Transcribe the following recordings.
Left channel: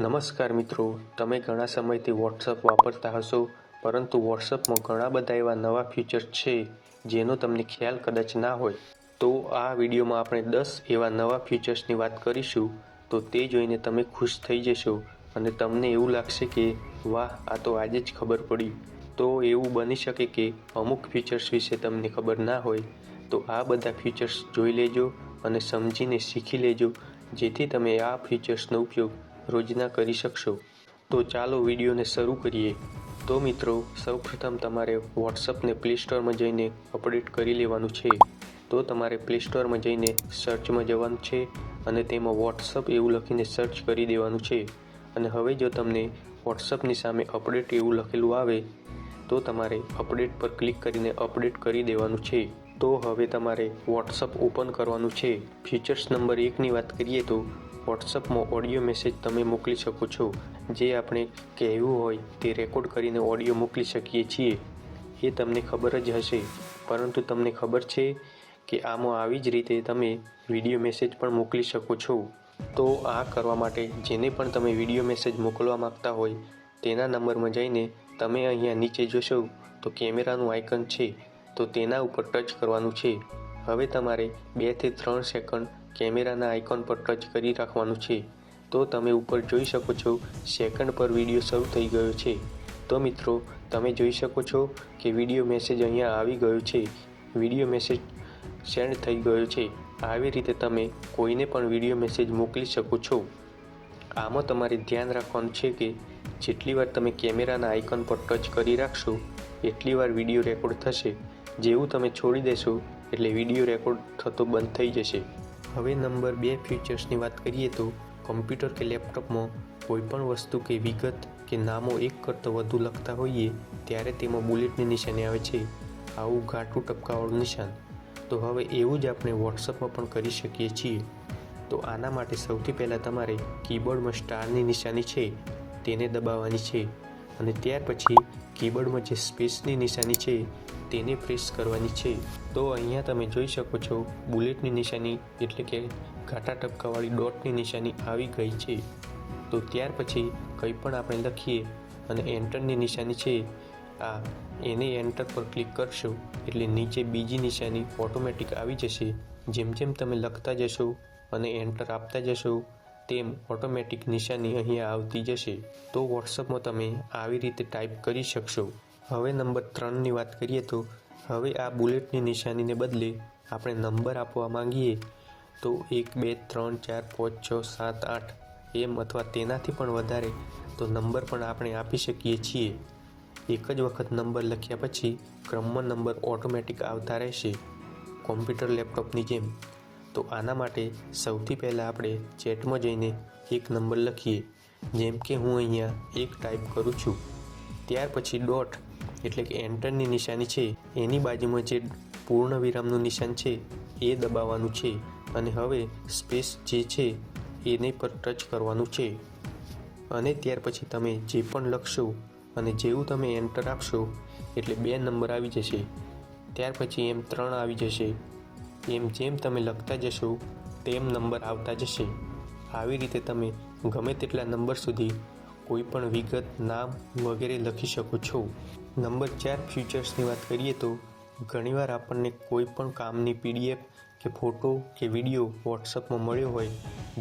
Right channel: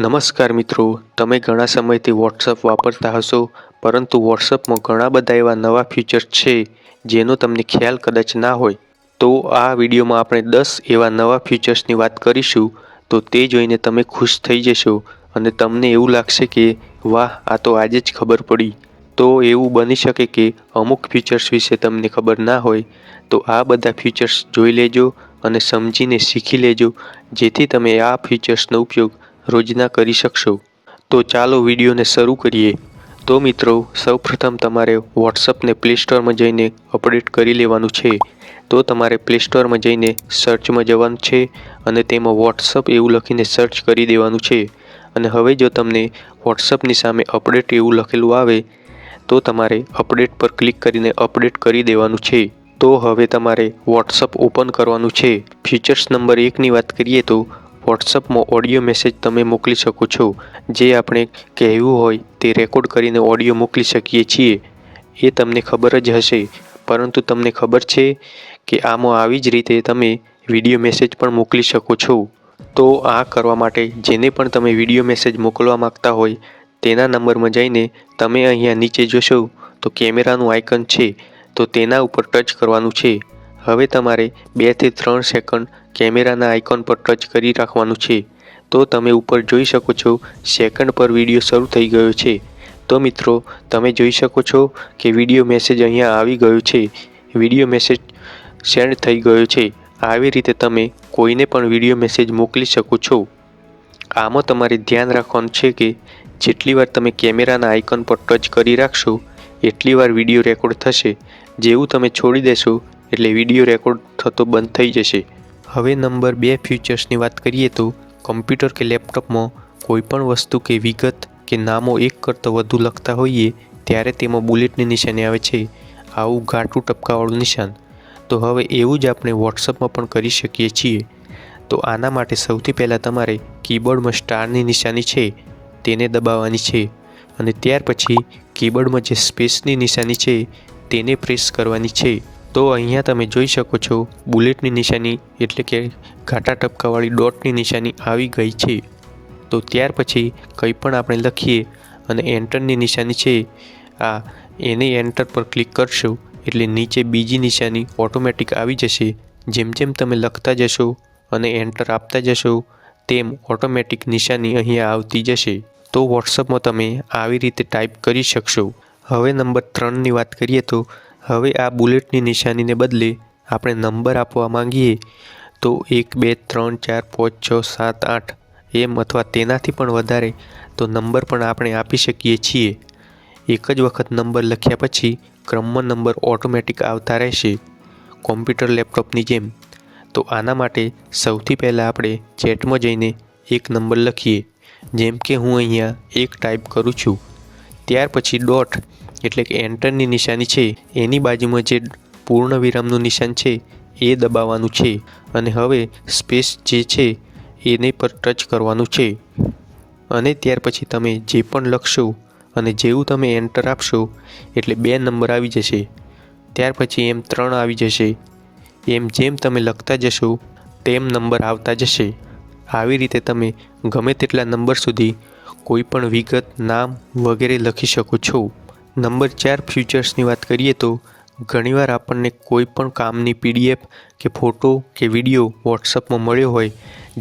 નમસ્કાર મિત્રો, તમે ઘણા સમયથી વોટ્સઅપ વાપરતા હશો, પરંતુ વોટ્સઅપમાં ઘણા બધા એવા નવા ફીચર્સ છે જેનો તમને ખ્યાલ કદાચ ના હોય. તો આ વિડીયોમાં આપણે 10 એવા નવા ફીચર્સની વાત કરીશું. તો તે જોઈને તમે ખુશ થઈ જશો અને તમને એવું લાગશે કે વાહ, આ તો આજે જ ખબર પડી. તો એવું બની શકે કે અમુક ફીચર્સ વિશે તમને ખબર ના હોય, તો આ બધા ફીચર્સ જોઈ લેજો અને સમજીને શીખી લેજો, જેથી તમે આ ફીચર્સનો ઉપયોગ રોજના કરી શકશો. તો ચાલો વિડીયોને શરૂ કરીએ. તો મિત્રો, સૌપ્રથમ તમારે વોટ્સઅપને પ્લે સ્ટોરમાં જઈને અપડેટ કરી લેવાનું છે. તો તમારે પ્લે સ્ટોરમાં જઈને સર્ચમાં જવાનું છે અને તેમાં વોટ્સઅપ એવું લખીને સર્ચ કરી દેવાનું છે. અને હવે જો તમને વોટ્સઅપની સામે અપડેટ એવું લખેલું આવે તો તમારે અપડેટ પર ક્લિક કરીને અપડેટ કરી દેવાનું છે. તો હવે તમારે વોટ્સઅપ ઓપન કરવાનું છે. ફીચર્સ નંબર 1ની વાત કરીએ તો વોટ્સઅપમાં ઓડિયો મેસેજ તમે મોકલી શકો છો. જે આપણે કહેવું હોય તે રેકોર્ડ કરીને ઓડિયો મોકલી શકીએ છીએ. એ તમને ખબર જ હશે, પરંતુ તમને ખબર છે કે આમાં આવી જ રીતે તમે વિડીયો મેસેજ પણ મોકલી શકો છો. તો આ કરવા માટે જેને પણ તમે વિડીયો મેસેજ મોકલવા માંગતા હોય તેના નંબરમાં જઈને તમે અહીંયા નીચે જોશો તો કેમેરાનું આઇકન છે, તો તેના ઉપર ટચ કરવાનું છે. હવે તમારે 2 થી 3 સેકન્ડ કેમેરાના આઇકોન પર ટચ કરી રાખવાનું છે. તો તમે ઉપર જોઈ શકો છો સેકન્ડ પર વિડીયો શરૂ થઈ ગયો છે. તો મિત્રો, તમે જોઈ શકો છો કે વિડીયો મેસેજ અહીંયા આવી ગયો છે. વિડીયો મેસેજ સેન્ડ થઈ ગયો છે. આવી રીતે તમે કોઈને પણ વિડીયો મેસેજ મોકલી શકો છો. આમાં તમારે ધ્યાન રાખવાનું છે કે જેટલી વાર તમે કેમેરાના આઇકન પર ટચ કરી રાખશો એટલી વાર વિડીયો રેકોર્ડ થશે. જેવું તમે છોડી દેશો એટલે વિડીયો રેકોર્ડ થતો બંધ થઈ જશે. હવે નંબર 2 ફીચર્સની વાત કરીએ તો કમ્પ્યુટર કે લેપટોપમાં કોઈપણ વસ્તુ કે વિગત કે નામો એક કરતાં વધુ લખતા હોઈએ ત્યારે તેમાં બુલેટની નિશાની આવે છે, આવું ઘાટું ટપકાવાળું નિશાન. તો હવે એવું જ આપણે વોટ્સઅપમાં પણ કરી શકીએ છીએ. તો આના માટે સૌથી પહેલાં તમારે કીબોર્ડમાં સ્ટારની નિશાની છે તેને દબાવવાની છે અને ત્યાર પછી કીબોર્ડમાં જે સ્પેસની નિશાની છે તેને પ્રેસ કરવાની છે. તો અહીંયા તમે જોઈ શકો છો બુલેટની નિશાની એટલે કે ઘાટા ટપકાવાળી ડોટની નિશાની આવી ગઈ છે. તો ત્યાર પછી કંઈ પણ આપણે લખીએ અને એન્ટરની નિશાની છે એને એન્ટર પર ક્લિક કરશો એટલે નીચે બીજી નિશાની ઓટોમેટિક આવી જશે. જેમ જેમ તમે લખતા જશો અને એન્ટર આપતા જશો તેમ ઓટોમેટિક નિશાની અહીંયા આવતી જશે. તો વોટ્સઅપમાં તમે આવી રીતે ટાઈપ કરી શકશો. હવે નંબર 3ની વાત કરીએ તો હવે આ બુલેટની નિશાનીને બદલે આપણે નંબર આપવા માંગીએ તો 1 2 3 4 5 6 7 8 એમ અથવા તેનાથી પણ વધારે તો નંબર પણ આપણે આપી શકીએ છીએ. એક જ વખત નંબર લખ્યા પછી ક્રમમાં નંબર ઓટોમેટિક આવતા રહેશે, કોમ્પ્યુટર લેપટોપની જેમ. તો આના માટે સૌથી પહેલાં આપણે ચેટમાં જઈને એક નંબર લખીએ. જેમ કે હું અહીંયા 1 ટાઈપ કરું છું. ત્યાર પછી ડોટ એટલે કે એન્ટરની નિશાની છે એની બાજુમાં જે પૂર્ણ વિરામનું નિશાન છે એ દબાવવાનું છે અને હવે સ્પેસ જે છે એને પર ટચ કરવાનું છે. અને ત્યાર પછી તમે જે પણ લખશો અને જેવું તમે એન્ટર આપશો એટલે 2 નંબર આવી જશે. ત્યાર પછી એમ 3 આવી જશે. એમ જેમ તમે લખતા જશો તેમ નંબર આવતા જશે. આવી રીતે તમે ગમે તેટલા નંબર સુધી કોઈ પણ વિગત, નામ વગેરે લખી શકો છો. નંબર 4 ફીચર્સની વાત કરીએ તો ઘણીવાર આપણને કોઈ પણ કામની PDF કે ફોટો કે વિડીયો વોટ્સઅપમાં મળ્યો હોય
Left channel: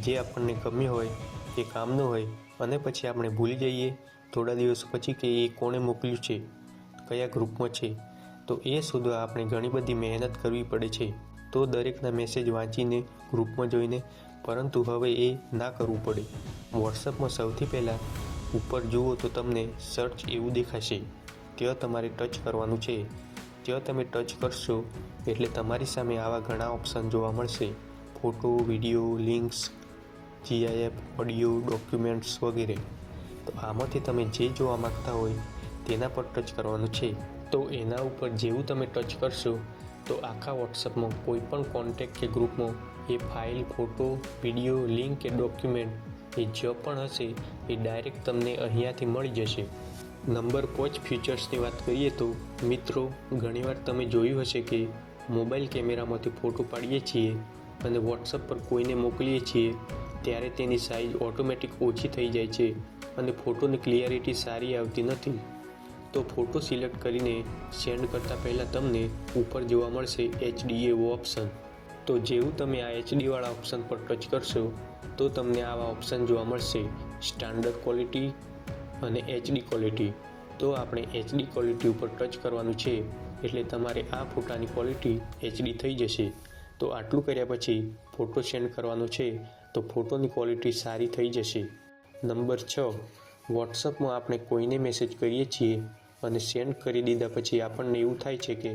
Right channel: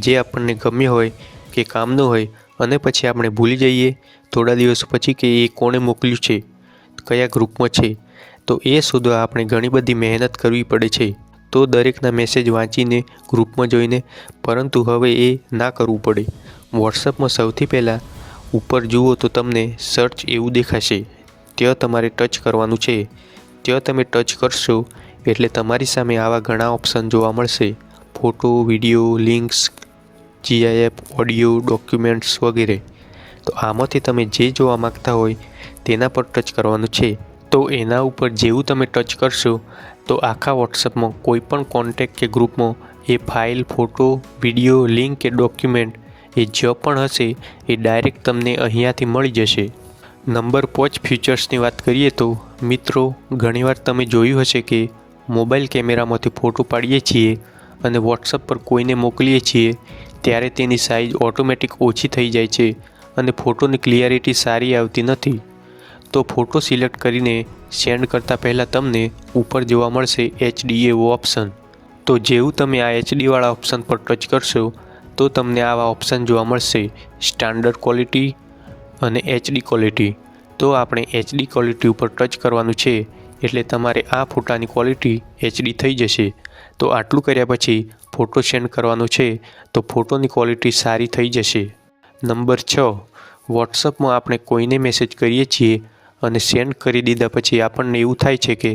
જે આપણને ગમ્યો હોય કે કામનો હોય અને પછી આપણે ભૂલી જઈએ થોડા દિવસો પછી કે એ કોણે મોકલ્યું છે, કયા ગ્રુપમાં છે. તો એ શોધવા આપણે ઘણી બધી મહેનત કરવી પડે છે. તો દરેકના મેસેજ વાંચીને ગ્રુપમાં જોઈને, પરંતુ હવે એ ના કરવું પડે. વોટ્સઅપમાં સૌથી પહેલાં ઉપર જુઓ તો તમને સર્ચ એવું દેખાશે. ત્યાં તમારે ટચ કરવાનું છે. ત્યાં તમે ટચ કરશો એટલે તમારી સામે આવા ઘણા ઓપ્શન જોવા મળશે: photo, video, links, GIF, audio, documents વગેરે. તો આમાંથી તમે જે જોવા માગતા હોય તેના પર ટચ કરવાનું છે. તો એના ઉપર જેવું તમે ટચ કરશો તો આખા વોટ્સઅપમાં કોઈ પણ કોન્ટેક્ટ કે ગ્રુપમાં એ ફાઇલ, ફોટો, વિડીયો, લિંક કે ડોક્યુમેન્ટ એ જે પણ હશે એ ડાયરેક્ટ તમને અહીંયાથી મળી જશે. નંબર 5 ફીચર્સની વાત કરીએ તો મિત્રો, ઘણીવાર તમે જોયું હશે કે મોબાઈલ કેમેરામાંથી ફોટો પાડીએ છીએ અને વોટ્સઅપ પર કોઈને મોકલીએ છીએ ત્યારે તેની સાઇઝ ઓટોમેટિક ઓછી થઈ જાય છે અને ફોટોની ક્લિયરિટી સારી આવતી નથી. તો ફોટો સિલેક્ટ કરીને સેન્ડ કરતાં પહેલાં તમને ઉપર જોવા મળશે HD એવો ઓપ્શન. તો જેવું તમે આ HD વાળા ઓપ્શન પર ટચ કરશો તો તમને આવા ઓપ્શન જોવા મળશે, સ્ટાન્ડર્ડ ક્વોલિટી અને HD ક્વોલિટી. તો આપણે HD ક્વોલિટી ઉપર ટચ કરવાનું છે એટલે તમારે આ ફોટાની ક્વોલિટી HD થઈ જશે. તો આટલું કર્યા પછી ફોટો સેન્ડ કરવાનો છે તો ફોટોની ક્વોલિટી સારી થઈ જશે. નંબર 6, વોટ્સઅપમાં આપણે કોઈને મેસેજ કરીએ છીએ અને સેન્ડ કરી દીધા પછી આપણને એવું થાય છે કે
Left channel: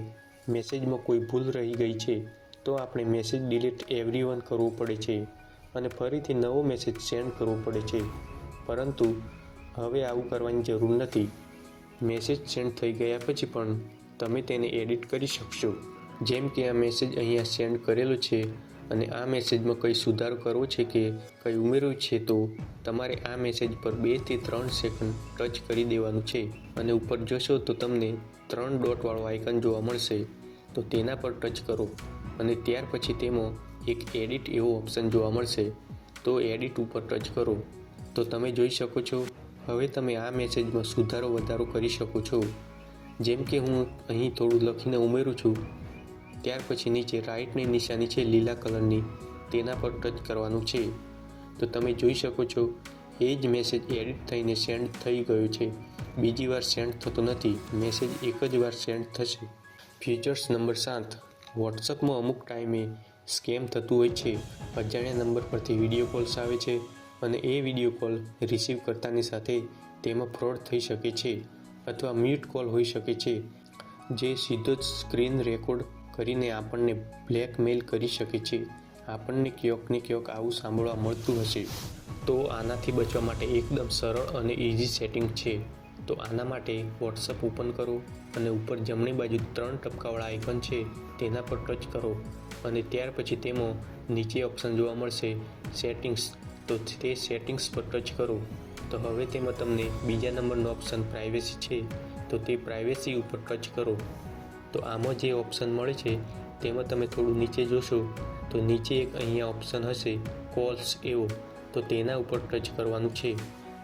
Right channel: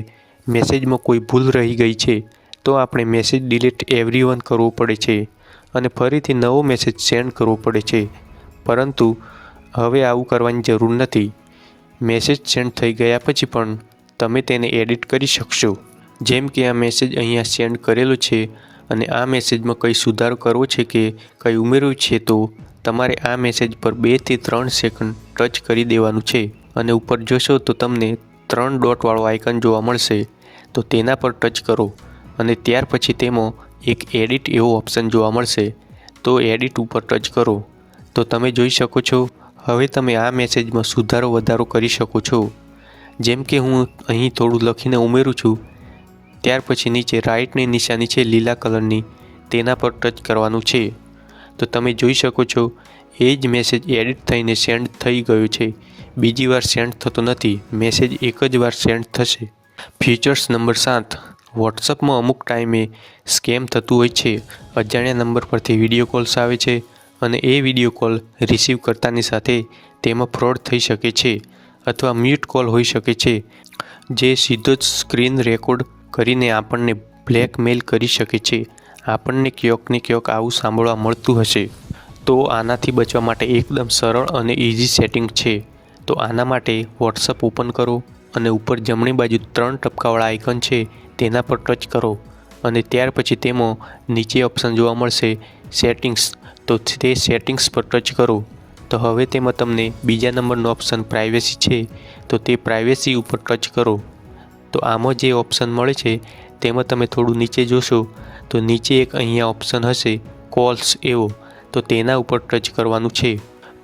મેસેજમાં કોઈ ભૂલ રહી ગઈ છે, તો આપણે મેસેજ ડિલીટ એવરીવન કરવું પડે છે અને ફરીથી નવો મેસેજ સેન્ડ કરવો પડે છે. પરંતુ હવે આવું કરવાની જરૂર નથી. મેસેજ સેન્ડ થઈ ગયા પછી પણ તમે તેને એડિટ કરી શકશો. જેમ કે આ મેસેજ અહીંયા સેન્ડ કરેલો છે અને આ મેસેજમાં કંઈ સુધારો કરવો છે કે કંઈ ઉમેરવું છે, તો તમારે આ મેસેજ પર 2 થી 3 સેકન્ડ ટચ કરી દેવાનું છે અને ઉપર જોશો તો તમને 3 ડોટવાળો આઇકન જોવા મળશે. તો તેના પર ટચ કરો અને ત્યાર પછી તેમાં એક એડિટ એવો ઓપ્શન જોવા મળશે. તો એડિટ ઉપર ટચ કરો તો તમે જોઈ શકો છો હવે તમે આ મેસેજમાં સુધારો વધારો કરી શકો છો. જેમ કે હું અહીં થોડું લખીને ઉમેરું છું. ત્યાર પછી નીચે રાઇટની નિશાની છે લીલા કલરની, તેના પર ટચ કરવાનું છે. તો તમે જોઈ શકો છો એ જ મેસેજ એડિટ થઈને સેન્ડ થઈ ગયો છે. બીજી વાર સેન્ડ થતો નથી, મેસેજ એક જ વાર સેન્ડ થશે. ફીચર્સ નંબર 7, વોટ્સઅપમાં અમુક ટાઈમે સ્કેમ થતું હોય છે. અજાણ્યા નંબર પરથી વિડીયો કોલ્સ આવે છે અને એ વિડીયો કોલ રિસીવ કરતાની સાથે તેમાં ફ્રોડ થઈ શકે છે અથવા મ્યુટ કોલ હોઈ શકે છે, જે સીધો જ સ્ક્રીન રેકોર્ડ કરીને આપણને બ્લેકમેલ કરી શકે છે. આપણને ક્યાંક ને ક્યાંક આવું સાંભળવા મળતું હશે. તો આનાથી બચવા માટે એકદમ સરળ અને ઇઝી સેટિંગ છે. તો આના માટે વોટ્સઅપ ઓપન કરો અને ઉપર જમણી બાજુ 3 ટપકાવાળા આઇકન છે તેના પર ટચ કરો અને ત્યાર પછી તેમાં નીચે ઓપ્શન જોવા મળશે સેટિંગ્સ. તો તે સેટિંગ્સ પર ટચ કરો તો હવે તેમાં તમને બીજા નંબરનો ઓપ્શન પ્રાઇવેસી છે, તો તે પ્રાઇવેસી ઉપર ટચ કરો. તો આમાં જે ઓપ્શન મળે છે તેમાં તમે થોડું નીચે જોશો તો નીચે એક અહીંયા ઓપ્શન હશે કોલ્સ એવો, તો તેના ઉપર ટચ કરવાનું છે.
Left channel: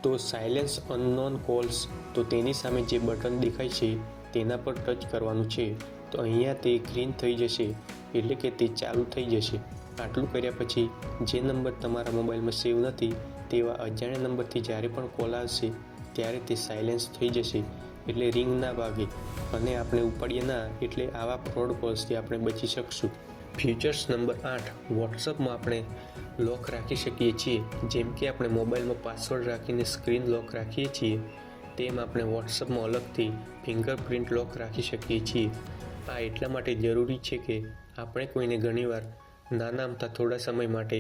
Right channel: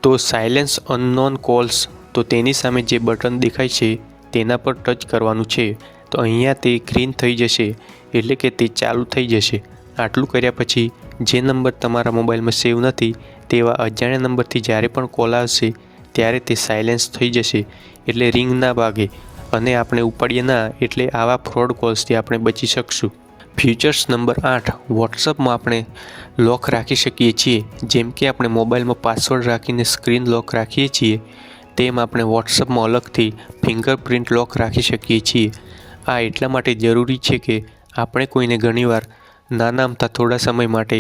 તો સાયલેન્સ અનનોન કોલ્સ, તો તેની સામે જે બટન દેખાય છે તેના પર ટચ કરવાનું છે. તો અહીંયા તે ગ્રીન થઈ જશે એટલે કે તે ચાલુ થઈ જશે. આટલું કર્યા પછી જે નંબર તમારા મોબાઈલમાં સેવ નથી તેવા અજાણ્યા નંબરથી જ્યારે પણ કોલ આવશે ત્યારે તે સાયલેન્સ થઈ જશે એટલે રિંગ ના વાગે અને આપણે ઉપાડીએ ના, એટલે આવા ફ્રોડ કોલ્સથી આપણે બચી શકશું. ફીચર્સ નંબર 8, વોટ્સઅપમાં આપણે લોક રાખી શકીએ છીએ. જેમ કે આપણે મોબાઈલમાં પાસવર્ડ રાખીને સ્ક્રીન લોક રાખીએ છીએ તેમ આપણે વોટ્સઅપમાં અલગથી ફિંગરપ્રિન્ટ લોક રાખી શકીએ છીએ. આ એટલા માટે જરૂરી છે કે આપણે કોઈને ઘણીવાર નાના અમથા થોડા સમય માટે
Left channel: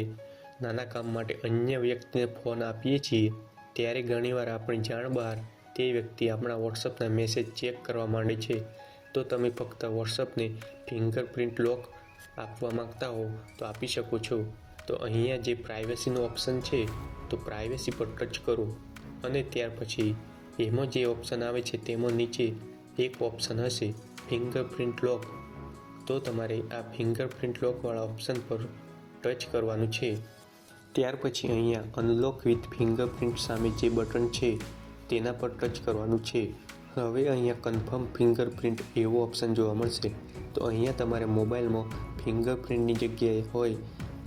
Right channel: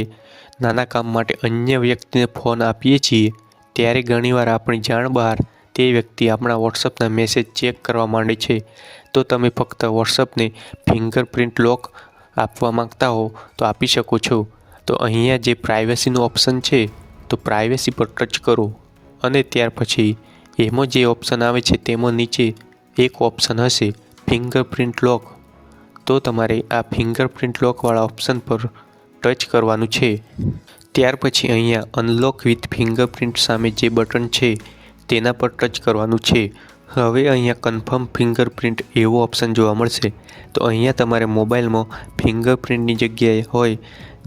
નાના કામ માટે અન્ય વ્યક્તિને ફોન આપીએ છીએ ત્યારે ઘણીવાર આપણી જાણ બહાર તે વ્યક્તિ આપણા વોટ્સઅપના મેસેજ ચેક કરવા માંડે છે. તો તમે ફક્ત વોટ્સઅપને ફિંગરપ્રિન્ટ લોક આપવા માંગતા હો તો આપી શકો છો. તો અહીંયા જે પ્રાઇવેસીનો ઓપ્શન છે તો પ્રાઇવેસી પર ટચ કરો અને ત્યાર પછી એમાં જે ઓપ્શન આવે છે તેમાં નીચે એક ઓપ્શન હશે ફિંગરપ્રિન્ટ લોક. તો તમારે આ ફિંગરપ્રિન્ટ લોકવાળા ઓપ્શન પર ટચ કરવાનું છે. ત્યાર પછી અહીંયા અનલોક વિથ ફિંગરપ્રિન્ટ સામે જે બટન છે તેના પર ટચ કરવાનું છે. હવે અહીંયા કન્ફર્મ ફિંગરપ્રિન્ટ એવો ઓપ્શન જોવા મળશે. તો અહીંયા તમારે મોબાઈલમાં ફિંગરપ્રિન્ટની જગ્યાએ હોય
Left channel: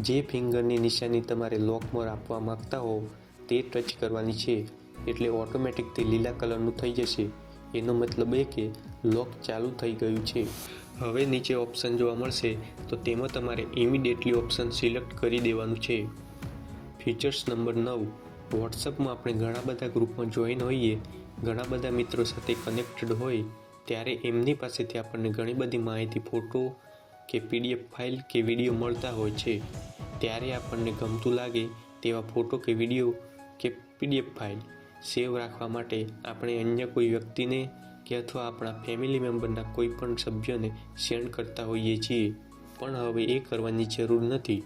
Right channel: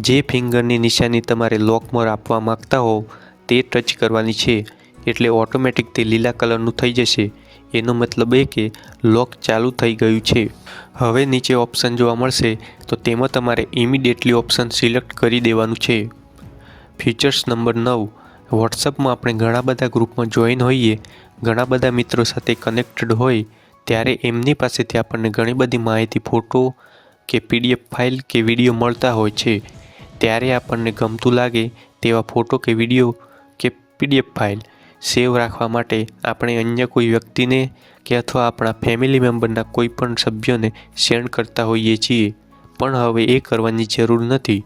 જે ફિંગરની નિશાની તમારે લોકમાં આપવા માગતા હો તે ટચ કરવાની છે એટલે ઓટોમેટિક તે લીલા કલરનું થઈ જશે. એનો મતલબ એ કે લોક ચાલુ થઈ ગયું છે. હવે નીચે ઓપ્શન જોવા મળશે તો તેમાં તમારે ઇમિડિયેટલી ઓપ્શન સિલેક્ટ કરી દેવાનું છે. ફીચર્સ નંબર 9, વોટ્સઅપમાં આપણે ઘણા બધા ગ્રુપમાં જોઈન હોઈએ, ઘણા બધા મિત્રો સાથે કનેક્ટેડ હોય ત્યારે એમની પાસેથી આપણને ઘણી બધી માહિતી, ફોટો કે PDF ફાઇલ કે વિડીયો મળતા હોય છે. ત્યારે આપણને ગમતું લાગે તેવા ફોટો કે વિડીયો કે PDF ફાઇલ સેવ રાખવા માટે આપણે અન્ય કોઈ વ્યક્તિને કે અથવા આપણા ફેમિલી મેમ્બરના કોઈ પણ સભ્યોને સેન્ડ કરતા હોઈએ છીએ. પણ હવે એ કરવાની જરૂર નથી,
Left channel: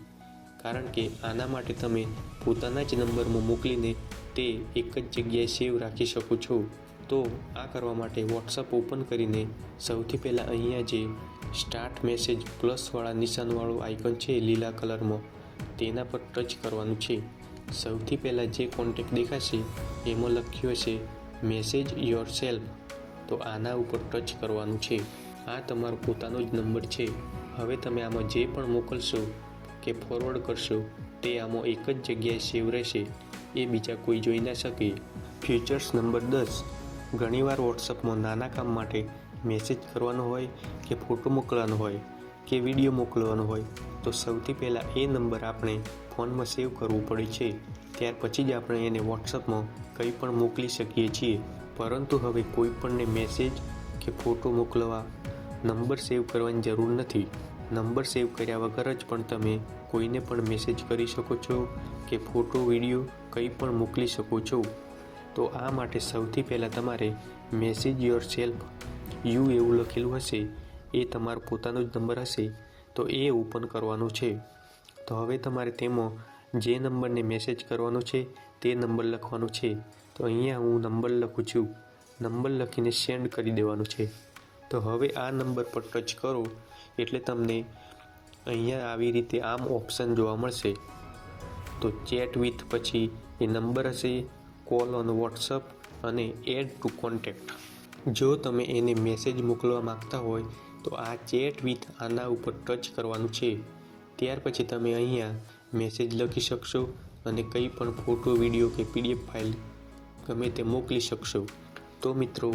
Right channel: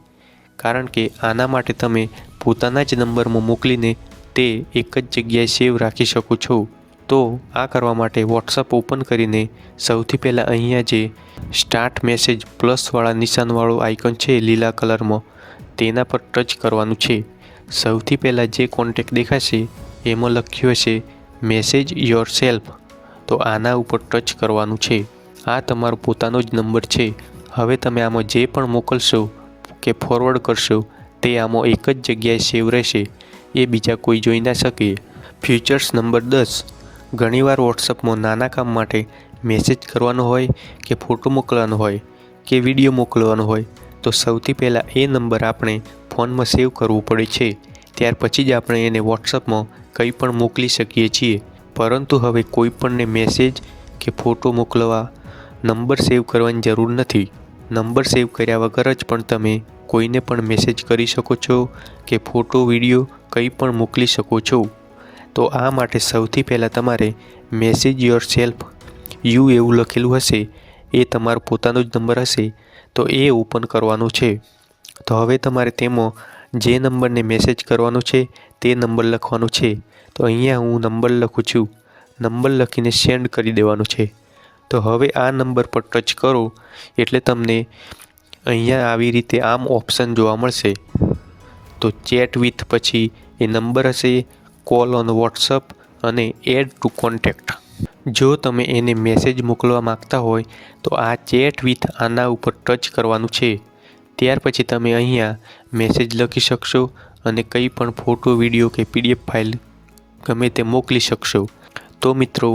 કારણ કે આના માટે તમે પોતાના જ નંબરમાં મોકલીને તે એક જ જગ્યાએ સેવ રાખી શકો છો. તો આ કરવા માટે વોટ્સઅપ ઓપન કરીને સૌથી પહેલાં અહીંયા જે સ્ટાર્ટ મેસેજ પ્લસવાળા નિશાનવાળો આઇકન છે લીલા કલરમાં તેના પર ટચ કરવાનું છે. સૌથી પહેલાં જે કોન્ટેક્ટ દેખાશે એમાં લખ્યું હશે મેસેજ યોર સેલ્ફ, તો આના ઉપર ટચ કરવાનું છે. આ તમારો પોતાનો જ નંબર છે. હવે તમે આમાં જે પણ મોકલશો કે ફોરવર્ડ કરશો તે આમાં એક જ જગ્યાએ સેવ રહેશે, એ બીજા કોઈ જોઈ ના શકે. Features number 10. ઘણીવાર વોટ્સઅપમાં નાના કામ માટે મેસેજ કરવાનો હોય કે ફોટો મોકલવાનો હોય કે વિડીયો મોકલવાનો હોય તો સૌથી પહેલાં એ નંબર આપણે ફોનમાં સેવ કરવું પડે છે. ત્યાર પછી જ આપણે એને વોટ્સઅપમાં કંઈ પણ મોકલી શકીએ છીએ. પરંતુ હવે કોઈપણને મેસેજ કે ફોટો મોકલવા નંબર સેવ કરવાની જરૂર નથી. નંબર સેવ કર્યા વગર જ પણ તમે કોઈને પણ મેસેજ કરી શકો છો કે ફોટો વિડીયો કંઈ પણ મોકલી શકો છો. તો આ માટે સૌથી પહેલાં તમારે મેસેજ યોર સેલ્ફ યુ એવું લખેલું હશે, એ તમારો પોતાનો જ નંબર હશે, તો એ ઓપન કરવાનું છે. તો હવે તમારે તેમાં જે નંબરને મેસેજ કરવાનો છે તે નંબર લખવાનો છે. તો અહીંયા હું નંબર લખું છું. નંબર લખીને સેન્ડ કરી દેવાનું છે. તો હવે આ નંબર પર ટચ કરો એટલે તમને અહીંયા આવી રીતે આમ ઓપ્શન જોવા મળશે. તો ચેટ વિથ પછી એ નંબર હશે, કોલ ઓન વોટ્સઅપ અને એડ ટુ કોન્ટેક્ટ. જો તમે એને મેસેજ મોકલવા માગતા હોય તો આ ચેટ વિથ આના ઉપર ટચ કરવાનું છે. ત્યાર પછી તમે અહીંયા મેસેજ લખી શકશો અને કંઈ પણ ફોટો વિડીયો કે PDF ફાઇલ ગમે તે મોકલી શકશો. તો મિત્રો,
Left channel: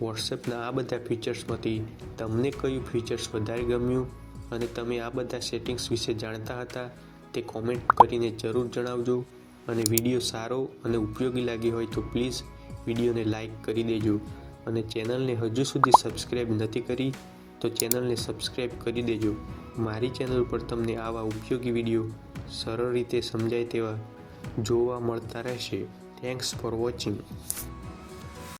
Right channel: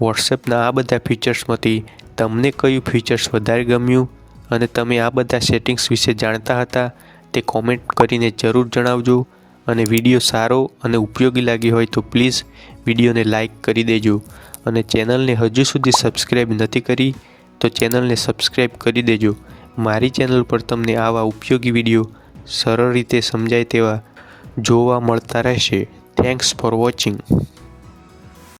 વોટ્સએપના આ બધા ફીચર્સમાંથી તમને કયું ફીચર્સ વધારે ગમ્યું અને તમે આ બધા સેટિંગ્સ વિશે જાણતા હતા તે કોમેન્ટ કરીને જરૂર જણાવજો. અને વિડીયો સારો અને ઉપયોગી લાગ્યો હોય તો પ્લીઝ વિડીયોને લાઈક કરી દેજો. અને ચેનલને હજુ સુધી સબસ્ક્રાઈબ નથી કરી તો ચેનલને સબસ્ક્રાઈબ કરી દેજો. મારી ચેનલ પર તમને આવા ઉપયોગી વિડીયો સરળ રીતે સમજાય તેવા જોવા મળતા રહેશે. Thanks for watching.